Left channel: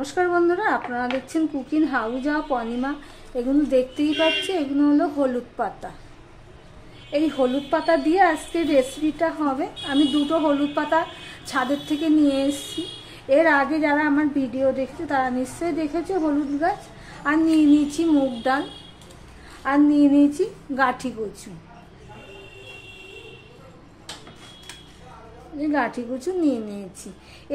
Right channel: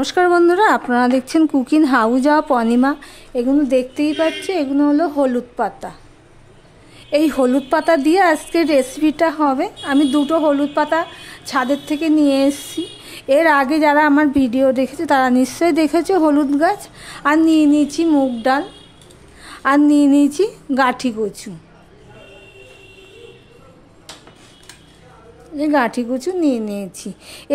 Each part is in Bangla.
নমস্কার বন্ধুরা, আপনারা দেখছেন কুকিং হাউস অফ অনিমা। এগুলো দেখতেই পাচ্ছে, এগুলো হলো হলুদ পাতা। এই হলুদ পাতা দিয়ে আজকে রেসিপিটা হবে। আমি দুটো হলুদ পাতা ছাদের থেকে নিয়ে এসেছি। এর আগে যারা আমার ভিডিও দেখেছে তারা নিশ্চয়ই দেখেছে হলুদ গাছ। আর নিয়ে নিয়েছি মুগ ডাল, আর নিয়ে নিয়েছি গাঁঠি কচু। গাঁঠি কচু নিয়ে নিয়েছি।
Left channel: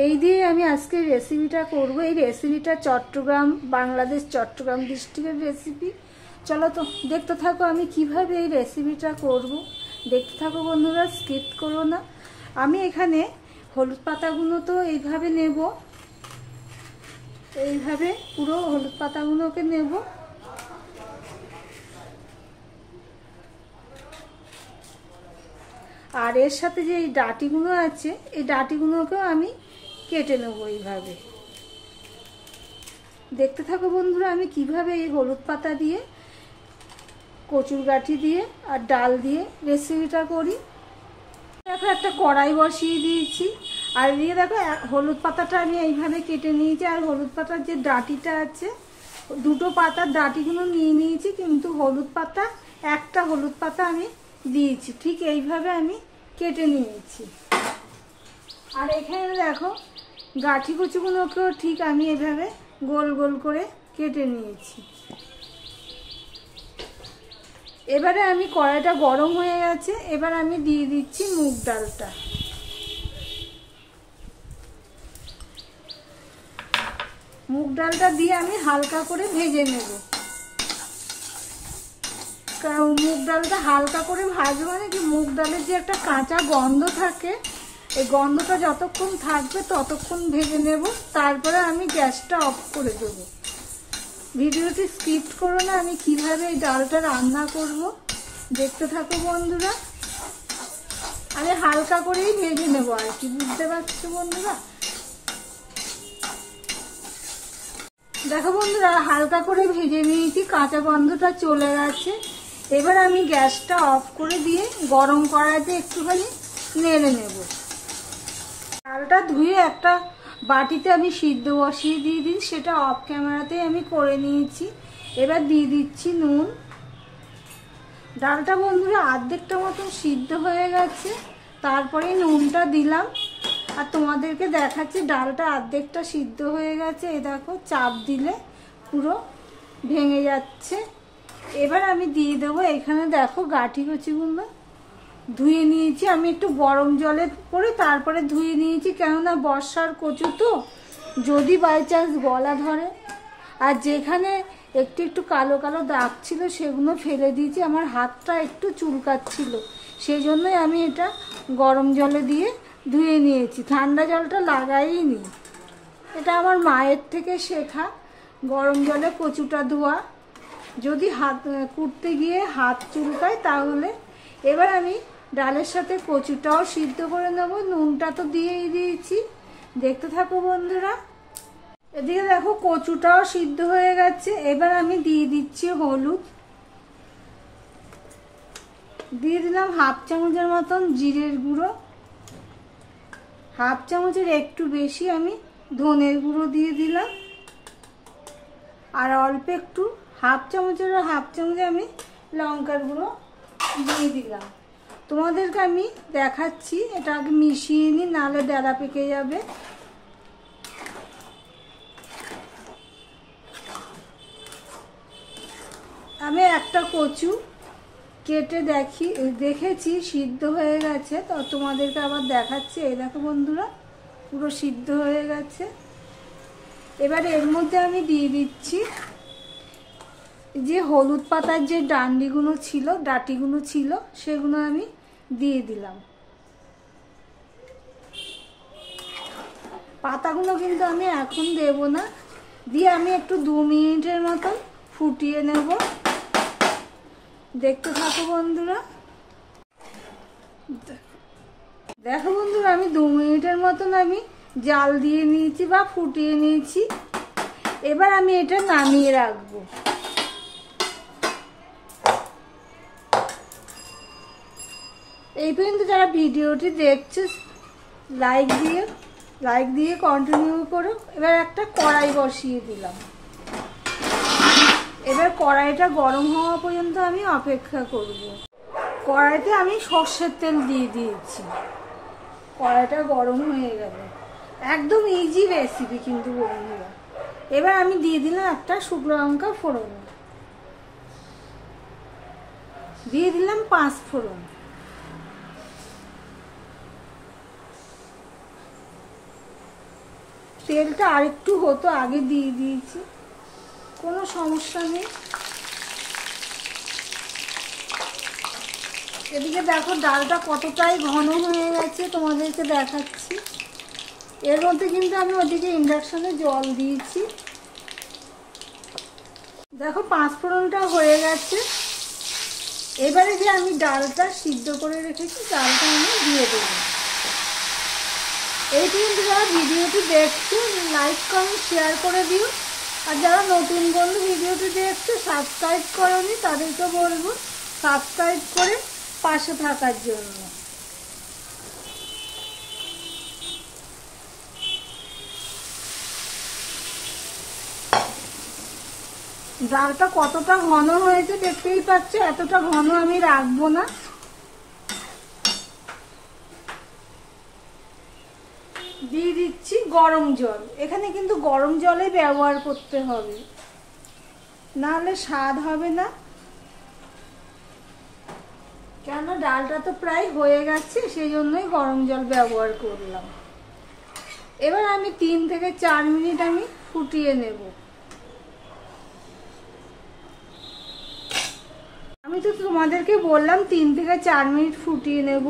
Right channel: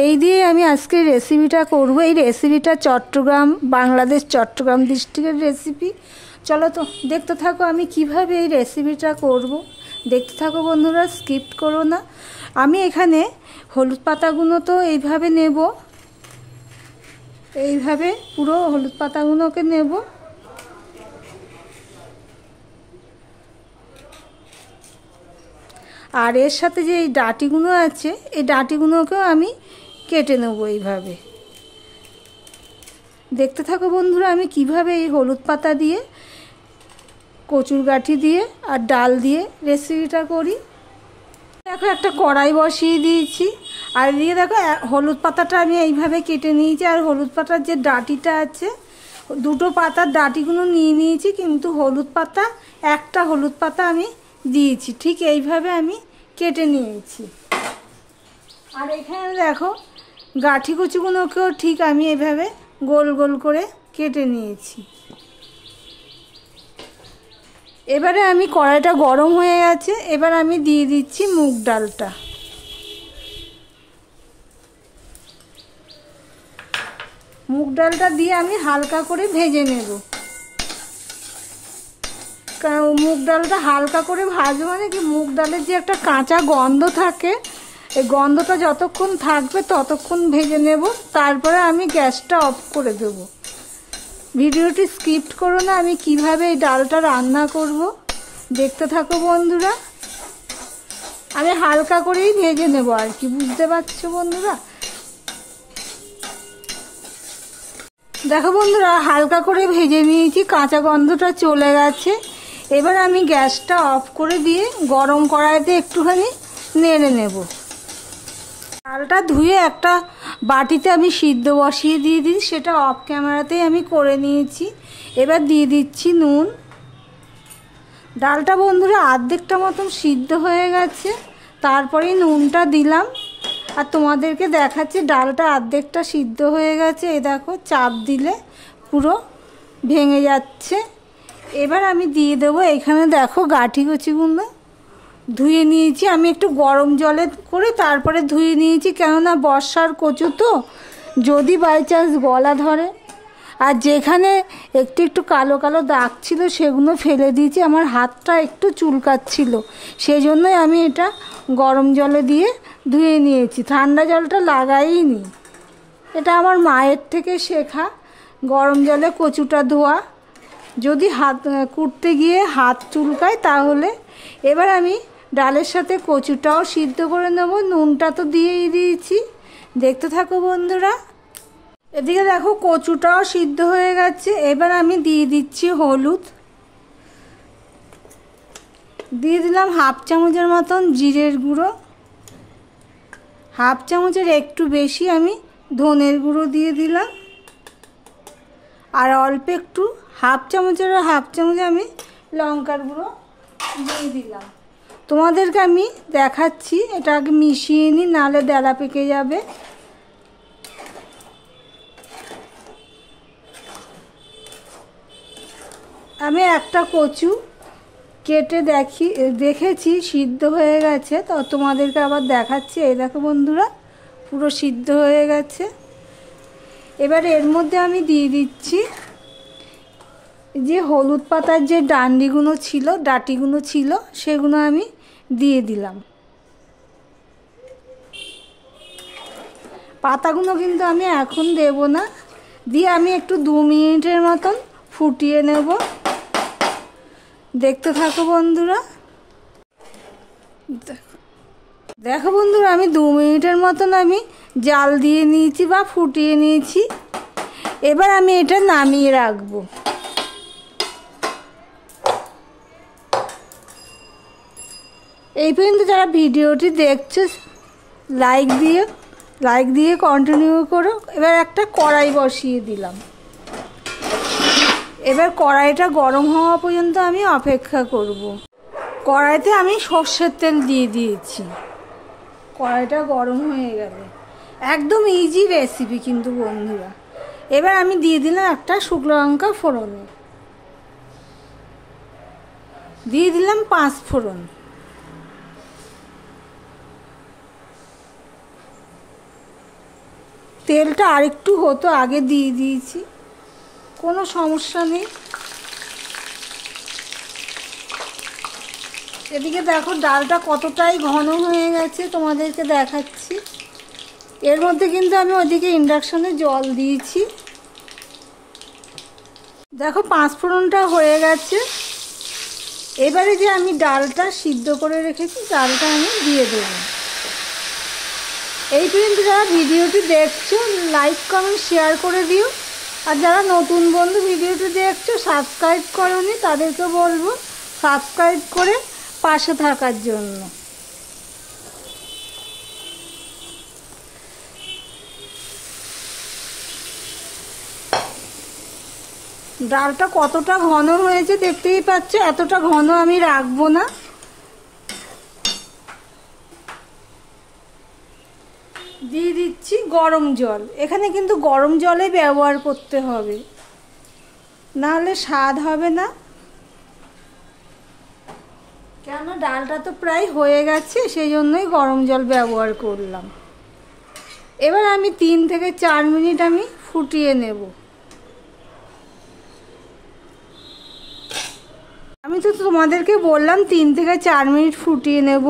এই দিয়ে আমি আজকে রেসিপিটা করব। এই রেসিপিটা চট্টগ্রাম, বাংলাদেশ চট্টগ্রাম ডিস্ট্রিক্টের রেসিপি। চলো তো দেখতে থাকো আমি কিভাবে এই রেসিপিটা করব। দেখতে থাকো বন্ধুরা, স্কিপ করো না। আমি এখানে হলুদ পাতাগুলো তো এইভাবে নেব, এইভাবে পুরো হলুদ পাতাগুলোকে নেব। আর এর সাথে যে এই ডাঁটিগুলো আছে, এই ডাঁটিগুলোকেও আমি কেটে নেব এইভাবে। দেখতে থাকো বন্ধুরা আমি কিভাবে এই হলুদ পাতা দিয়ে, কচুর গাঁঠি দিয়ে আর ডাল দিয়ে রেসিপিটা করি। দেখো একটা কড়াই বসিয়ে দিয়েছি, আর দিয়ে দেখো হলুদ পাতাটা আমি এইভাবে কেটে নিয়েছি। আর হলুদ পাতার যে ডাঁটিটা আছে, দুটো পাতার ডাঁটিগুলো নিয়ে নিয়েছি, কিন্তু হলুদ পাতা একটা হলুদ পাতা আমি দিয়েছি। ঠিক এইভাবে আমি কেটে নিয়েছি। আর এখানে দেখো গাঁঠি কচুগুলোকেও ঠিক আমি এইভাবে গোল গোল করে কেটে নিয়েছি। এবারে আমি কড়াইটা গরম হয়ে গেছে, এবার আমি দিয়ে দিচ্ছি মুগ ডালটা। মুগ ডালটা দিয়ে আমি হালকা করে ভেজে নেব। কারণ মুগ ডালটা হালকা করে ভাজবো, মানে কি মুগ ডালের যে একটা কাঁচা গন্ধ থাকে, এই গন্ধটা যতক্ষণ থাকবে ততক্ষণ ভেজে নেব। তারপরে আমি গ্যাসটা অফ করে দেব। ভিডিওটি স্কিপ করো না, আমি কিভাবে এই ডালটা রান্না করব দেখতে থাকো বন্ধুরা। আমি হালকা করেই ভেজে নেব আর কি, বুঝতে পারছো বন্ধুরা। দেখো বন্ধুরা হালকা করে ভেজে নিয়েছি, কাঁচা গন্ধটা চলে গেছে। এবার আমি গ্যাসটা অফ করে দিয়ে গরম কড়াইতে একটুখানি নেড়ে নেব। ডালটা ধুয়ে একটা বাটিতে আমি সিদ্ধ বসিয়ে দিয়ে দিই, সেটা অফ ক্যামেরাতেই আমি করে নিয়েছি। এবার দিয়ে দিচ্ছি নুন। ডালটা বন্ধুরা অর্ধেকটা মতন সিদ্ধ হয়ে গেছে, তারপরেই নুনটা দিলাম। আর তোমাদেরকে দেখাচ্ছি ডালটা অর্ধেকটা সিদ্ধ হয়ে গেছে। এ দেখো চাপ দিলে পুরো ভেঙে যাচ্ছে। এবার আমি দিয়ে দেবো এখানে দেখো গাঁঠি কচুগুলো ধুয়ে নিয়েছি। আমি একটু গরম জলে করে তারপরে ধুয়ে নিয়েছি, কেননা বর্ষার কচু তো, যদি বাই চান্স গলা ধরে। আর যেখানে একটু একটু কালো কালো দাগ ছিল সেগুলো ফেলে দিয়েছি। আমার হাতটা একটু চুলকাচ্ছিল, সেই জন্যই আমি এটা গরম জলে দিয়ে ধুয়ে নিয়েছি, ঠান্ডা জলটা লাগাইনি। এটা আমার মায়ের থেকে শেখা, গরম জলে কচুটা ধোয়া। যদি হাত কুটতে গিয়ে হাত চুলকায় তাহলে। এবার আমি ডালের সাথে কচুটাও সিদ্ধ করে নেব। নুনটা তো দিয়েই দিয়েছি, দেখতে থাকো বন্ধুরা। এদিকে দেখো কচুটাও সিদ্ধ হয়ে গেছে। এবার আমি দিয়ে দিচ্ছি হলুদ, দিয়ে দিলাম হাফ চামচের মতন জিরের গুঁড়ো, হাফ চামচের একটু বেশি আমি ধনের গুঁড়ো দিয়ে দিলাম, আর অল্প একটু হাফ চামচের হাফ চামচ আমি লঙ্কার গুঁড়ো দিয়ে দিলাম। তোমাদেরকে আমি দেখাচ্ছি, এটা আগে মিশিয়ে নিই, নাহলে ডেলা পেকে যাবে। আমি একটা কচু কেটে দেখেছি সিদ্ধ হয়ে গেছে, তো তোমাদেরকে আবার দেখাচ্ছি। এই দেখো বন্ধুরা পুরো সিদ্ধ হয়ে গেছে। এবার এর মধ্যে আমি দিয়ে দিচ্ছি যে হলুদ পাতার যে ডাঁটিগুলো ছিল সেগুলো আমি দিয়ে দিলাম। পাতাগুলো কিন্তু আমি এখন দেব না, দিয়ে আমি একটু 2 মিনিটের মতন ফুটিয়ে নেব। দেখতে থাকো বন্ধুরা। দেখো বন্ধুরা আমি 2 মিনিটের মতন আমি জাল দিয়ে নিয়েছি বা ফুটিয়ে নিয়েছি। এবার আমি এটা নামিয়ে রাখবো। এই পর্যন্ত যারা ভিডিওটি দেখছো লাইক দিও, লাইক দিয়ে কন্টিনিউ করো। এবার একটা কড়াই বসিয়ে দিলাম। এবার কড়াইটা গরম হওয়া পর্যন্ত আমি অপেক্ষা করব। কড়াইতে আমি সর্ষের তেল দিয়ে দিয়েছি। কড়াইটা গরম হয়ে গেল। একদম ইজি রেসিপি কিন্তু বন্ধুরা। এবার আমি দিয়ে দিলাম একটা শুকনো লঙ্কা ফোড়ন, দিয়ে দিলাম 5 ফোড়ন, তেলটা আরেকটু হতো, আগে দিয়ে দিয়েছি, কোনো সমস্যা নেই। এদিকে দেখো ডালটা কতটাই ঘন হয়ে গেছে, তোমাদেরকে দেখাচ্ছি। এর মধ্যে কিন্তু আমি ওদিকে ইন্ডাকশনে জল দিয়েছি। দেখো 5 ফোড়নটা হয়ে গেছে। এবারে যে আমি ডালটা সিদ্ধ করে রেখেছি ডালটা আমি দিয়ে দেব। এই পর্যন্ত যারা ভিডিওটি দেখছো লাইক কমেন্ট শেয়ার করে দিও। আর যারা নতুন বন্ধু ভিডিওটি দেখছো সাবস্ক্রাইব করোনি তাদেরকে বলবো সাবস্ক্রাইব করে পাশে থাকার জন্য। ডালটা কতটা ঘন হয়েছে দেখতেই পাচ্ছ। এতটা ঘন আমি রাখবো না। দিয়ে দিচ্ছি গরম জল। এখানে কিন্তু গরম জলে ব্যবহার করতে হবে, নাহলে স্বাদ হবে না। কেন ডালটা তো প্রায় হয়ে গেছে, সেই জন্যই গরম জল ব্যবহার করলাম। এবার আমি 3 থেকে 4 মিনিট আমি ফুটিয়ে নেব। আমি তো তোমাদেরকে বললাম 3 থেকে 4 মিনিট ফুটিয়ে নেব,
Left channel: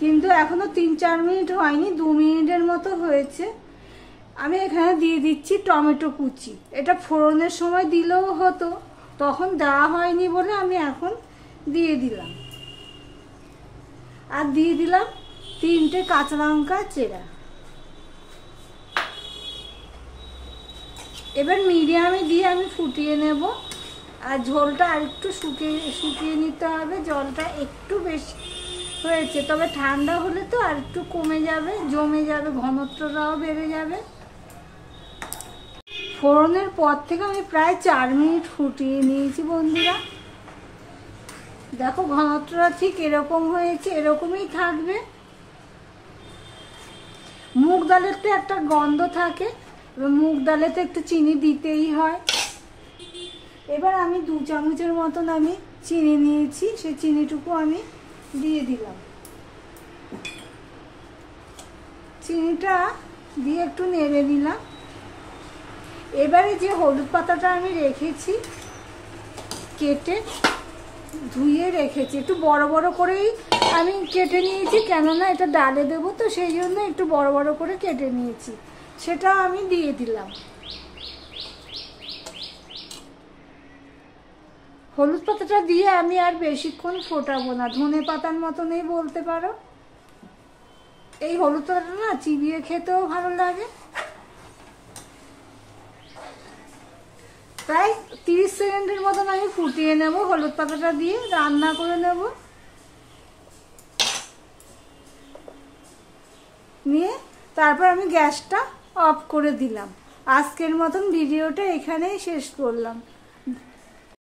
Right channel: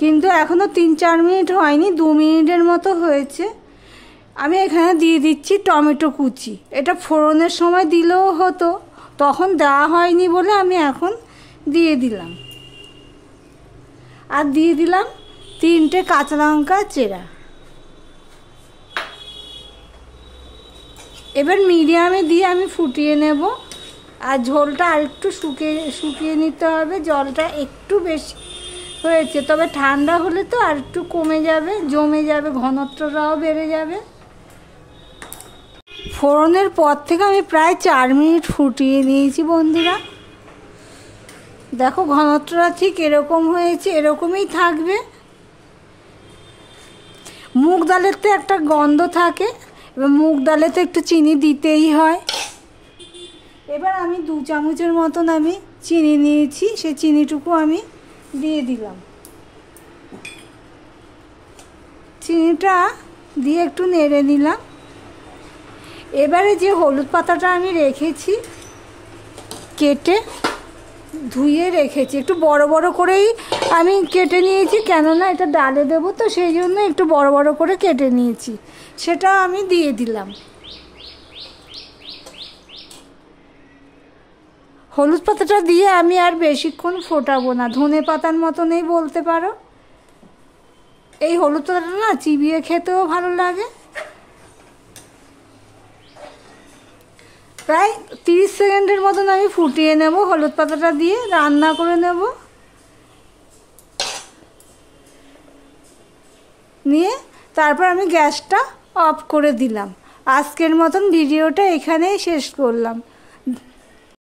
কিন্তু এখনো 3-4 মিনিট হয়নি, 2 মিনিটের মতো হয়েছে। আমি এখানে দিয়ে দিচ্ছি টমেটো কুচি। এটা ফোড়নের সময় দিলেও হতো, তখন দেওয়া হয়নি বলে আমি এখন দিয়ে দিলাম। আর দিয়ে দিলাম 3টে কাঁচা লঙ্কা চেরা। এবার মিডিয়ামে দিয়ে আমি ফুটিয়ে নেব। আর ঝোলটা আরেকটু শুকিয়ে নিতে হবে। জলটা একটু বেশি হয়েছে, তবে ঠান্ডা হলে তো আর একটু কমে যাবে, জমে যাবে, ঘনত্বটাও বেড়ে যাবে। ফোড়নের পর থেকে আমি প্রায় 4 মিনিট ফুটিয়ে নিয়েছি বন্ধুরা। দেখো ঘনত্বটা ঠিক এরকম হয়েছে, এরকমই থাকবে। মুগ ডালের তো একটা গন্ধ থাকে, এবার মুগ ডালে তো একটু চিনি দিতেই হয়। এবার আমি 2 চামচের মতন আমি চিনি নিয়েছি, সেই চিনিটুকু আমি দিয়ে দিলাম। চিনিটা দিয়ে একটু নেড়ে নিলাম। এবারে যে হলুদ পাতাটা আমি রেখেছি, কেটে ধুয়ে রেখেছি, একটু বড় বড় করেই আমি কেটে নিয়েছি, কেননা এটা ডালে দেবো তো সেই জন্য একটু বড় বড় করে কেটে নিয়েছি, সেটা আমি দিয়ে দিলাম। হলুদ পাতাটা দিয়ে আমি আর বেশিক্ষণ ফোটাবো না, ধনে পাতার মতনই বলতে পারো। এই হলুদ পাতাটা না চিবিয়ে খেতেও ভালো লাগে। প্রায় 30 সেকেন্ডের মতন আমি ফুটিয়ে নেব, হলুদ পাতাটা দিয়ে রান্না করে নেব। নিয়ে তারপর আমি গ্যাসটা অফ করে দিলাম। আজকের মতন ভিডিওটা এখানেই শেষ করলাম।